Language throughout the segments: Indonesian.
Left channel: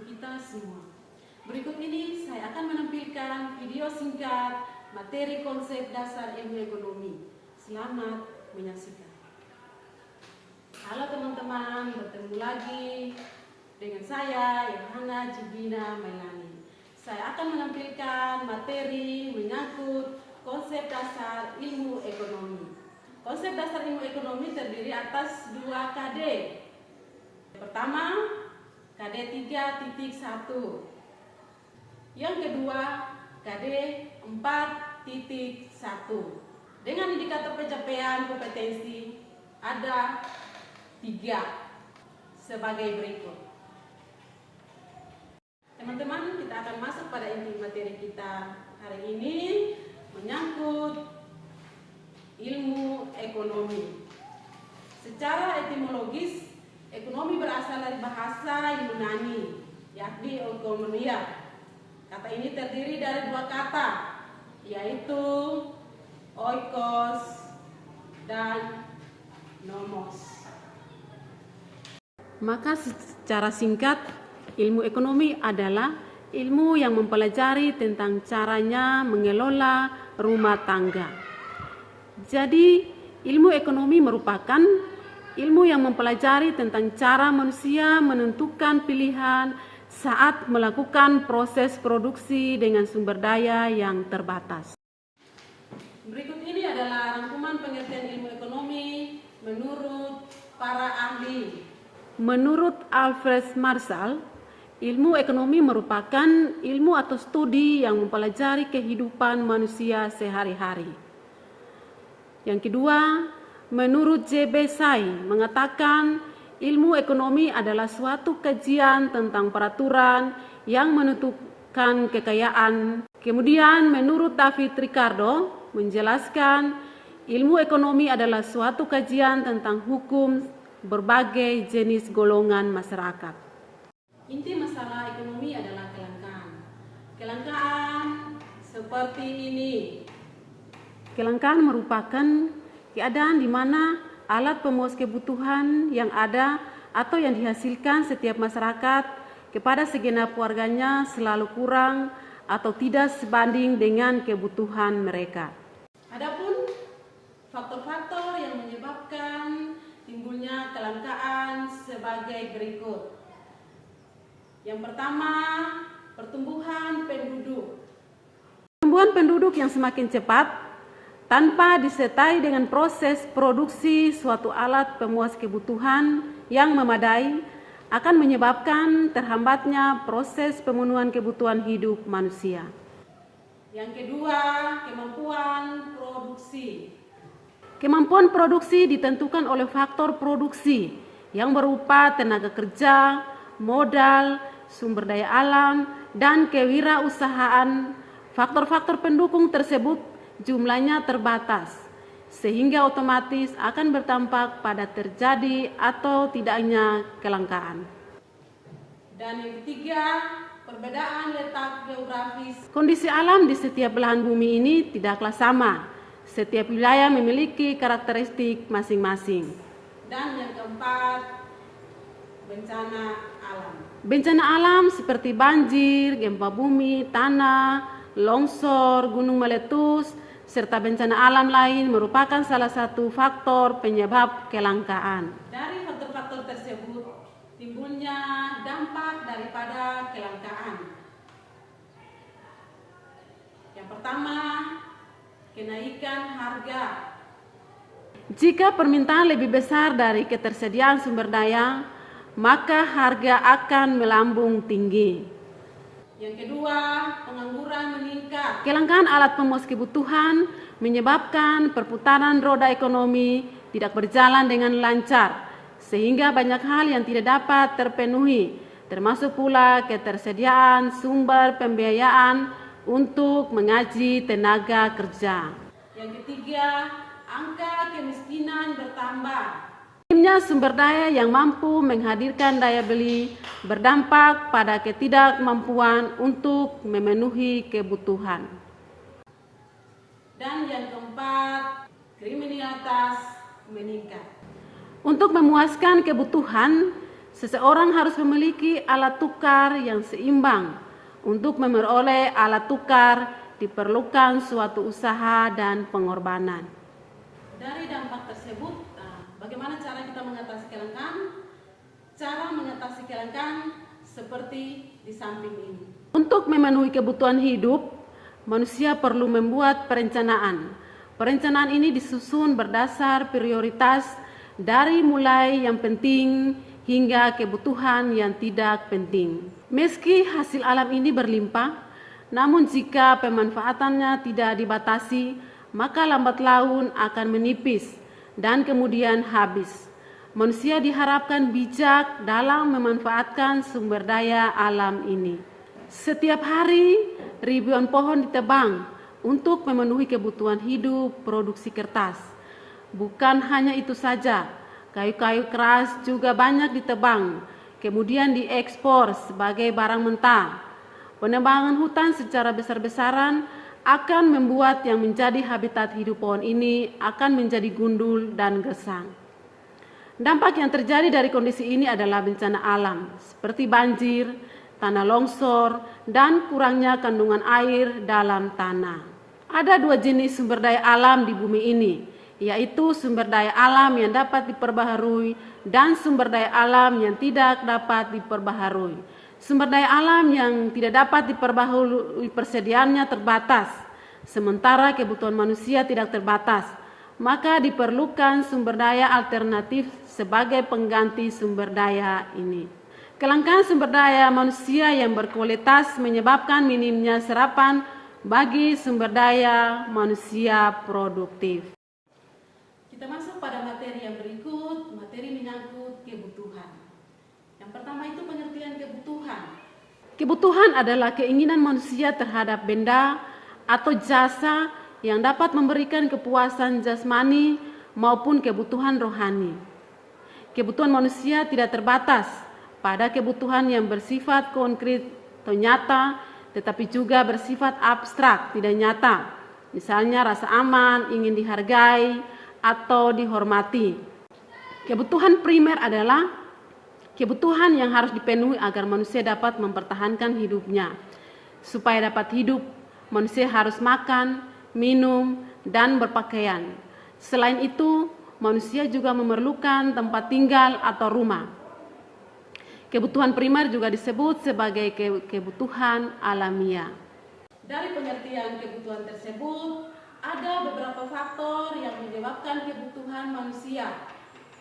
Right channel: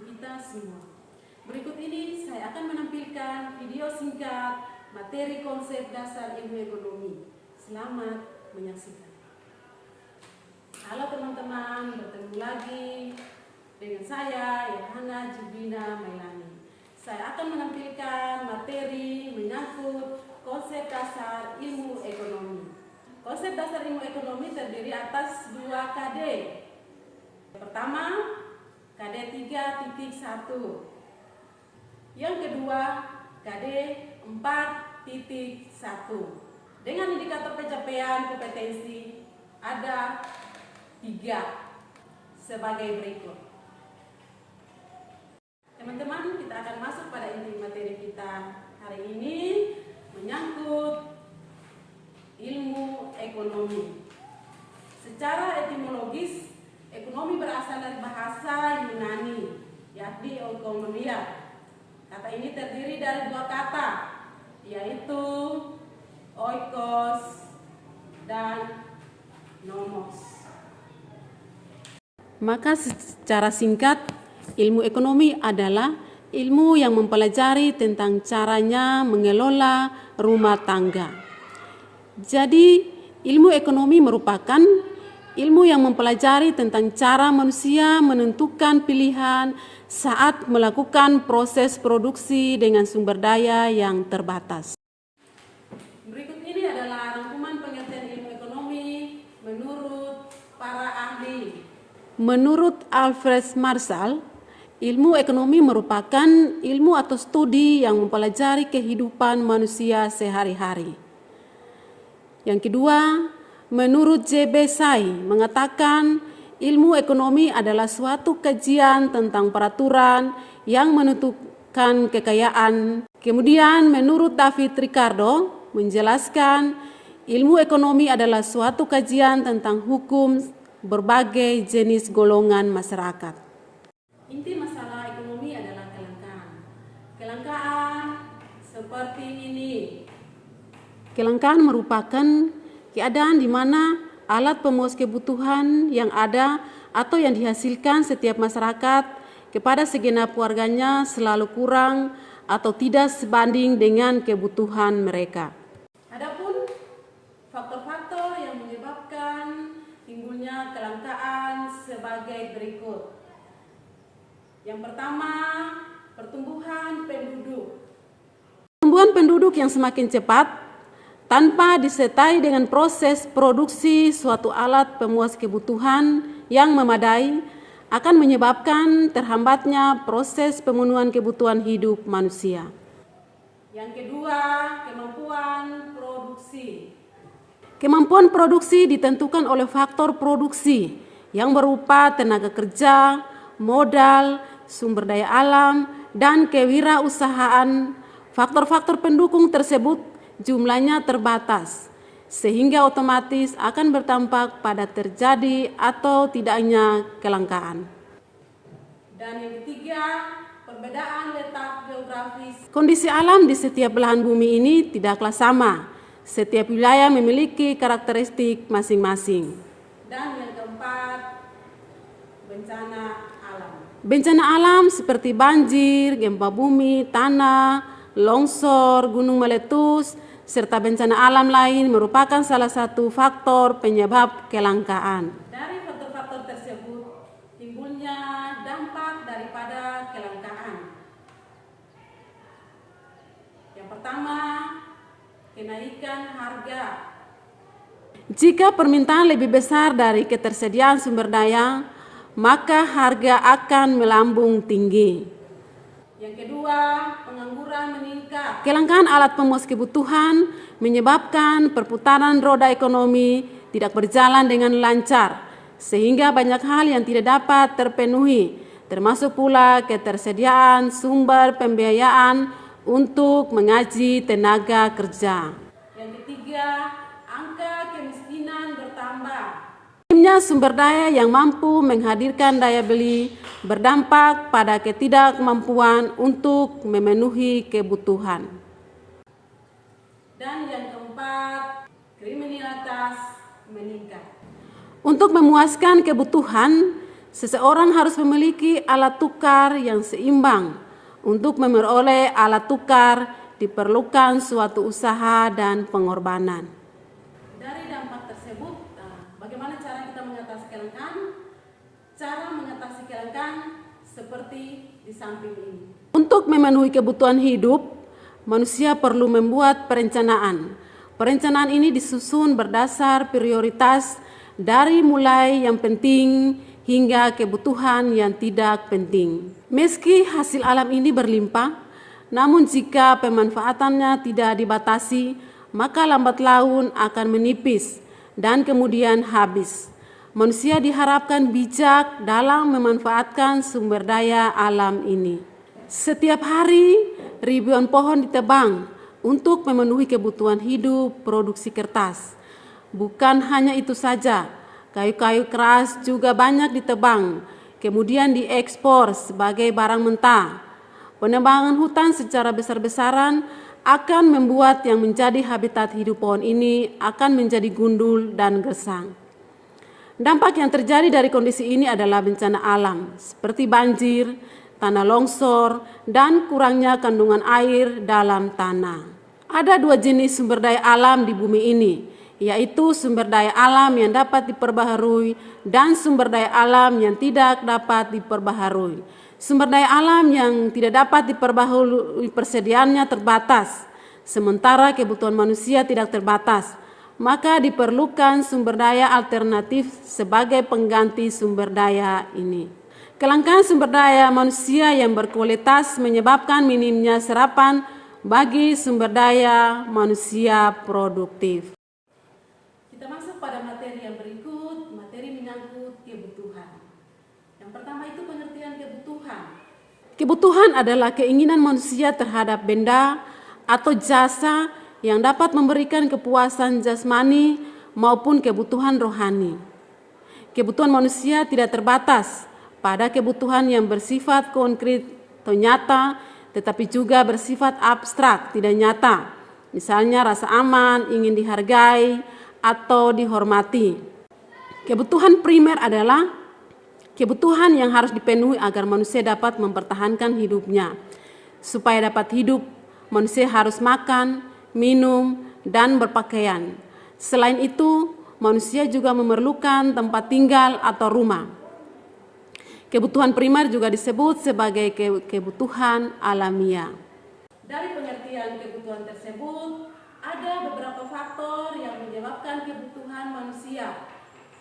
untuk kita semua. Berikut ini saya akan menampilkan video singkat materi konsep dasar ilmu ekonomi. Selamat menyaksikan. Halo teman-teman, bertemu lagi dengan saya Yohana Jibina Mailani. Saya akan menampilkan materi menyangkut konsep dasar ilmu ekonomi. Konsep dasar ilmu ekonomi terdiri atas 2 KD. Pertama, KD 3.1. Yang kedua, KD 4.1. Dengan indikator pencapaian kompetensi ada 3 sebagai berikut. Teman-teman, kita akan masuk pada inti materi kita hari ini menyangkut ilmu ekonomi. Secara etimologis, ekonomi berasal dari bahasa Yunani, yakni oikonomia. Kata ini terdiri dari 2 kata, yaitu oikos dan nomos. Maka secara singkat, ilmu ekonomi adalah ilmu yang mempelajari tentang caranya mengelola rumah tangga. Jadi, ilmu ekonomi merupakan ilmu yang mempelajari tentang cara manusia menentukan pilihan saat melakukan proses produksi dengan sumber daya yang terbatas. Berikut ini adalah rangkuman pengertian ilmu ekonomi menurut para ahli. Menurut Alfred Marshall, ilmu ekonomi merupakan ilmu atau studi yang mempelajari kehidupan manusia sehari-hari. Yang kedua, menurut J.B. Say mengatakan ilmu ekonomi adalah suatu kajian tentang peraturan yang menentukan kekayaan. Kemudian menurut David Ricardo menjelaskan ilmu ekonomi adalah suatu kajian tentang hukum berbagai jenis golongan masyarakat. Inti masalah ekonomi adalah kelangkaan. Kelangkaan seperti ini. Kelangkaan merupakan keadaan di mana alat pemuas kebutuhan yang ada atau yang dihasilkan setiap masyarakat kepada segenap warganya selalu kurang atau tidak sebanding dengan kebutuhan mereka. Adapun faktor-faktor yang menyebabkan timbulnya kelangkaan sebagai berikut. Yang pertama, pertumbuhan penduduk. Pertumbuhan penduduk yang semakin cepat tanpa disertai dengan proses produksi suatu alat pemuas kebutuhan yang memadai akan menyebabkan terhambatnya proses pemenuhan kebutuhan hidup manusia. Yang kedua, kemampuan produksi. Kemampuan produksi ditentukan oleh faktor produksi yang berupa tenaga kerja, modal, sumber daya alam, dan kewirausahaan. Faktor-faktor pendukung tersebut jumlahnya terbatas, sehingga otomatis akan berdampak pada terjadi atau tidaknya kelangkaan. Dan yang ketiga, perbedaan letak geografis. Kondisi alam di setiap belahan bumi ini tidaklah sama. Setiap wilayah memiliki karakteristik masing-masing. Dan yang keempat, bencana alam. Bencana alam seperti banjir, gempa bumi, tanah, longsor, gunung meletus, serta bencana alam lain merupakan salah satu faktor penyebab kelangkaan. Dari faktor-faktor tersebut timbulnya dampak daripada kelangkaan. Yang pertama, kenaikan harga. Jika permintaan lebih besar dari ketersediaan sumber daya, maka harga akan melambung tinggi. Yang kedua, pengangguran meningkat. Kelangkaan alat pemuas kebutuhan menyebabkan perputaran roda ekonomi tidak berjalan dengan lancar, sehingga banyak hal yang tidak dapat terpenuhi, termasuk pula ketersediaan sumber pembiayaan untuk mengaji tenaga kerja. Yang ketiga, angka kemiskinan bertambah. Minimnya sumber daya yang mampu menghadirkan daya beli berdampak pada ketidakmampuan untuk memenuhi kebutuhan. Dan yang keempat, kriminalitas meningkat. Untuk memuaskan kebutuhan, Seseorang harus memiliki alat tukar yang seimbang. Untuk memperoleh alat tukar diperlukan suatu usaha dan pengorbanan. Dari dampak tersebut, bagaimana cara kita mengatasi kelangkaan? Cara mengatasi kelangkaan seperti di samping ini. Untuk memenuhi kebutuhan hidup, manusia perlu membuat perencanaan. Perencanaan ini disusun berdasar prioritas dari mulai yang penting hingga kebutuhan yang tidak penting. Meski hasil alam ini berlimpah, namun jika pemanfaatannya tidak dibatasi, maka lambat laun akan menipis dan kemudian habis. Manusia diharapkan bijak dalam memanfaatkan sumber daya alam ini. Setiap hari, ribuan pohon ditebang untuk memenuhi kebutuhan hidup produksi kertas. Bukan hanya itu saja, kayu-kayu keras juga banyak ditebang, kemudian diekspor sebagai barang mentah. Penebangan hutan secara besar-besaran akan membuat yang menjadi habitat hidup pohon ini akan menjadi gundul dan gersang. Dampak yang terjadi dari kondisi ini adalah bencana alam, seperti banjir, tanah longsor, dan kurangnya kandungan air dalam tanah. Ada dua jenis sumber daya alam di bumi ini, yaitu sumber daya alam yang dapat diperbaharui dan sumber daya alam yang tidak dapat diperbaharui. Sumber daya alam yang tidak dapat diperbaharui persediaannya terbatas, sementara kebutuhan manusia tidak terbatas, maka diperlukan sumber daya alternatif sebagai pengganti sumber daya ini. Kelangkaan sumber daya manusia yang berkualitas menyebabkan minimnya serapan bagi sumber daya manusia produktif. Kita masuk pada materi yang berikut, materi menyangkut kebutuhan. Yang pertama itu pengertian kebutuhan. Kebutuhan adalah keinginan manusia terhadap benda atau jasa yang dapat memberikan kepuasan jasmani maupun kebutuhan rohani. Kebutuhan manusia tidak terbatas pada kebutuhan yang bersifat konkret atau nyata, tetapi juga bersifat abstrak, tidak nyata. Misalnya rasa aman, ingin dihargai, atau dihormati. Kebutuhan primer adalah kebutuhan yang harus dipenuhi agar manusia dapat mempertahankan hidupnya. Supaya dapat hidup, manusia harus makan, minum, dan berpakaian. Selain itu, manusia juga memerlukan tempat tinggal atau rumah. Kebutuhan primer juga disebut sebagai kebutuhan alamiah. Dari pengertian kebutuhan tersebut, ada beberapa faktor yang menyebabkan kebutuhan manusia.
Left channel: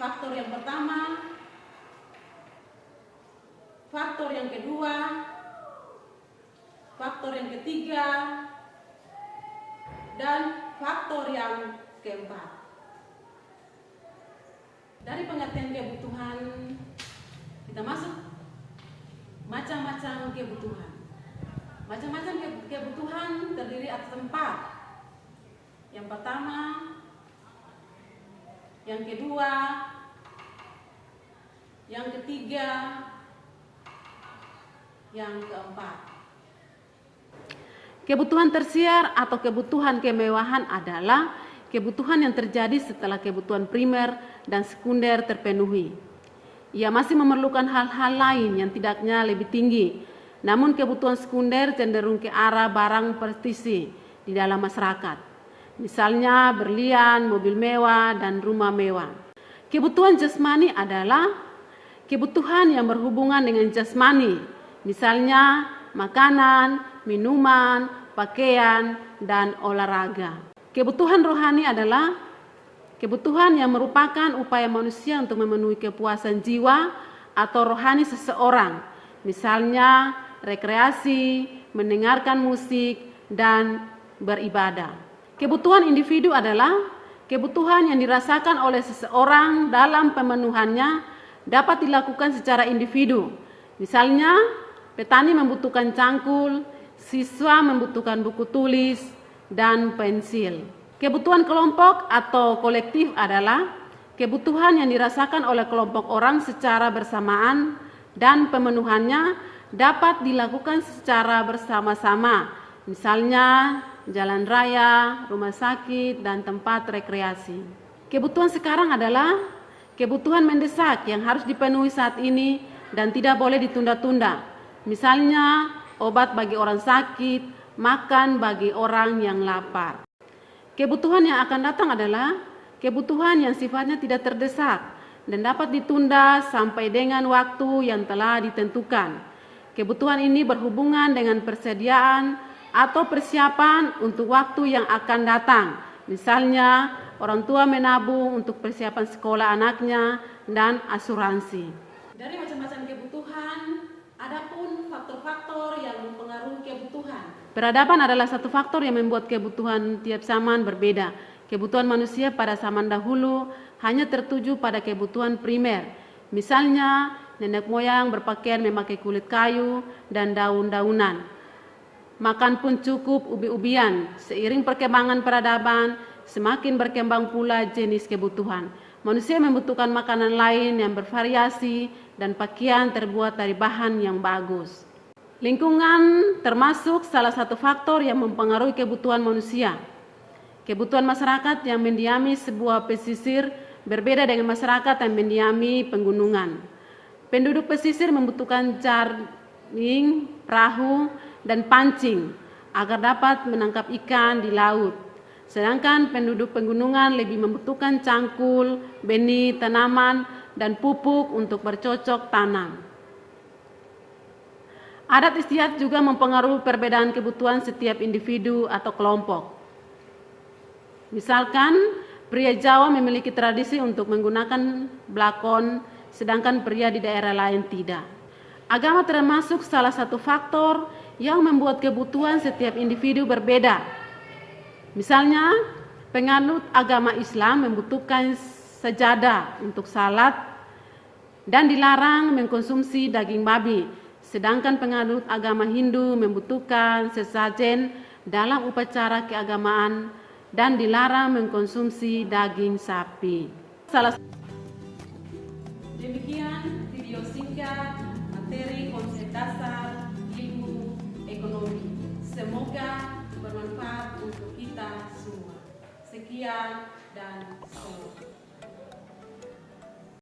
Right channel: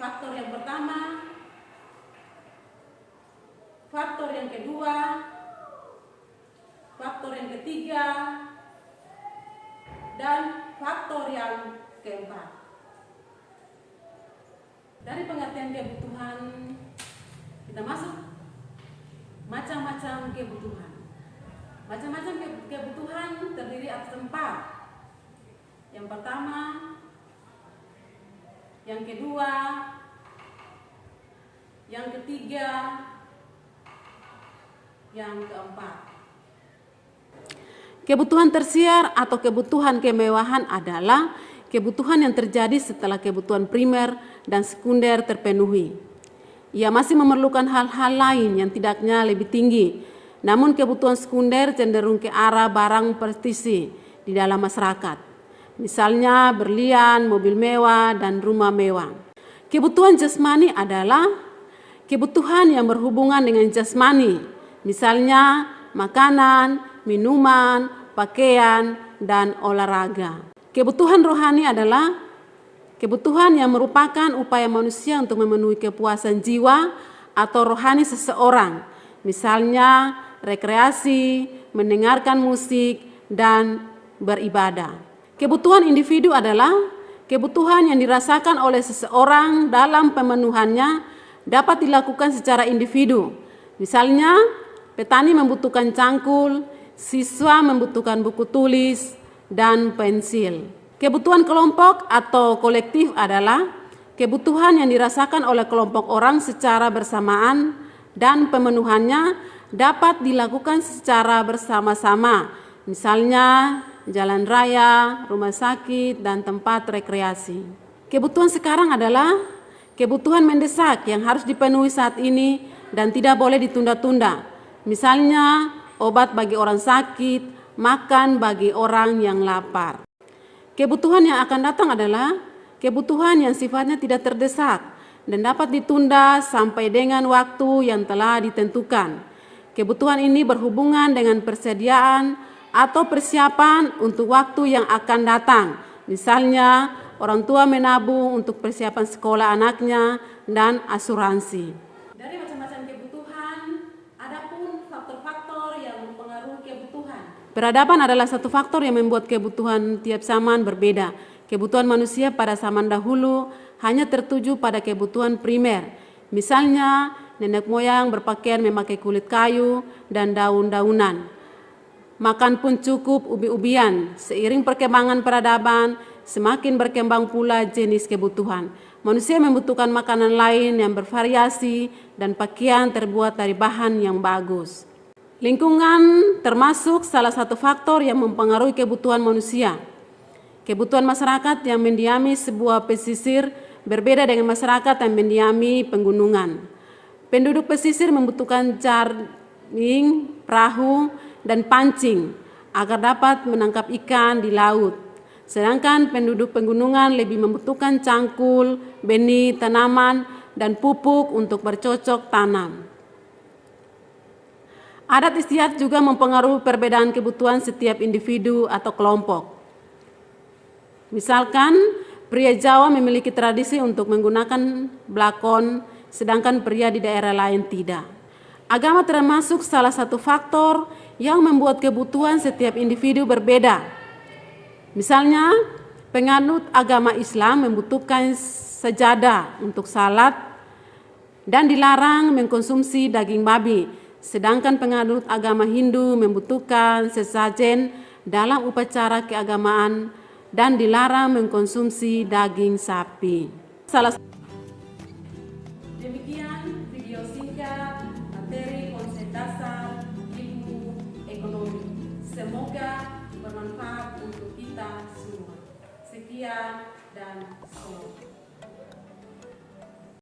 Faktor yang pertama, faktor yang kedua, faktor yang ketiga, dan faktor yang keempat. Dari pengertian kebutuhan, kita masuk macam-macam kebutuhan. Macam-macam kebutuhan terdiri atas 4. Yang pertama, yang kedua, yang ketiga, yang keempat. Kebutuhan tersier atau kebutuhan kemewahan adalah kebutuhan yang terjadi setelah kebutuhan primer dan sekunder terpenuhi. Ia masih memerlukan hal-hal lain yang tidaknya lebih tinggi, namun kebutuhan sekunder cenderung ke arah barang prestisi di dalam masyarakat. Misalnya berlian, mobil mewah, dan rumah mewah. Kebutuhan jasmani adalah kebutuhan yang berhubungan dengan jasmani, misalnya makanan, minuman, pakaian, dan olahraga. Kebutuhan rohani adalah kebutuhan yang merupakan upaya manusia untuk memenuhi kepuasan jiwa atau rohani seseorang, misalnya rekreasi, mendengarkan musik, dan beribadah. Kebutuhan individu adalah kebutuhan yang dirasakan oleh seseorang dalam pemenuhannya dapat dilakukan secara individu. Misalnya, petani membutuhkan cangkul, siswa membutuhkan buku tulis, dan pensil. Kebutuhan kelompok atau kolektif adalah kebutuhan yang dirasakan oleh kelompok orang secara bersamaan dan pemenuhannya dapat dilakukan secara bersama-sama. Misalnya, jalan raya, rumah sakit, dan tempat rekreasi. Kebutuhan sekarang adalah kebutuhan mendesak yang harus dipenuhi saat ini dan tidak boleh ditunda-tunda. Misalnya, obat bagi orang sakit, makan bagi orang yang lapar. Kebutuhan yang akan datang adalah kebutuhan yang sifatnya tidak terdesak dan dapat ditunda sampai dengan waktu yang telah ditentukan. Kebutuhan ini berhubungan dengan persediaan atau persiapan untuk waktu yang akan datang. Misalnya, orang tua menabung untuk persiapan sekolah anaknya dan asuransi. Dari macam-macam kebutuhan, ada pun faktor-faktor yang mempengaruhi kebutuhan. Peradaban adalah satu faktor yang membuat kebutuhan tiap zaman berbeda. Kebutuhan manusia pada zaman dahulu hanya tertuju pada kebutuhan primer. Misalnya, nenek moyang berpakaian memakai kulit kayu dan daun-daunan. Makan pun cukup ubi-ubian. Seiring perkembangan peradaban, semakin berkembang pula jenis kebutuhan. Manusia membutuhkan makanan lain yang bervariasi dan pakaian terbuat dari bahan yang bagus. Lingkungan termasuk salah satu faktor yang mempengaruhi kebutuhan manusia. Kebutuhan masyarakat yang mendiami sebuah pesisir berbeda dengan masyarakat yang mendiami pegunungan. Penduduk pesisir membutuhkan jaring, perahu, dan pancing agar dapat menangkap ikan di laut. Sedangkan penduduk pegunungan lebih membutuhkan cangkul, benih, tanaman, dan pupuk untuk bercocok tanam. Adat istiadat juga mempengaruhi perbedaan kebutuhan setiap individu atau kelompok. Misalkan, pria Jawa memiliki tradisi untuk menggunakan blakon, sedangkan pria di daerah lain tidak. Agama termasuk salah satu faktor yang membuat kebutuhan setiap individu berbeda. Misalnya, penganut agama Islam membutuhkan sajadah untuk salat dan dilarang mengkonsumsi daging babi, sedangkan penganut agama Hindu membutuhkan sesajen dalam upacara keagamaan dan dilarang mengkonsumsi daging sapi. Demikian video singkat materi konsep dasar ilmu ekonomi. Semoga bermanfaat untuk kita semua. Sekian dan salam.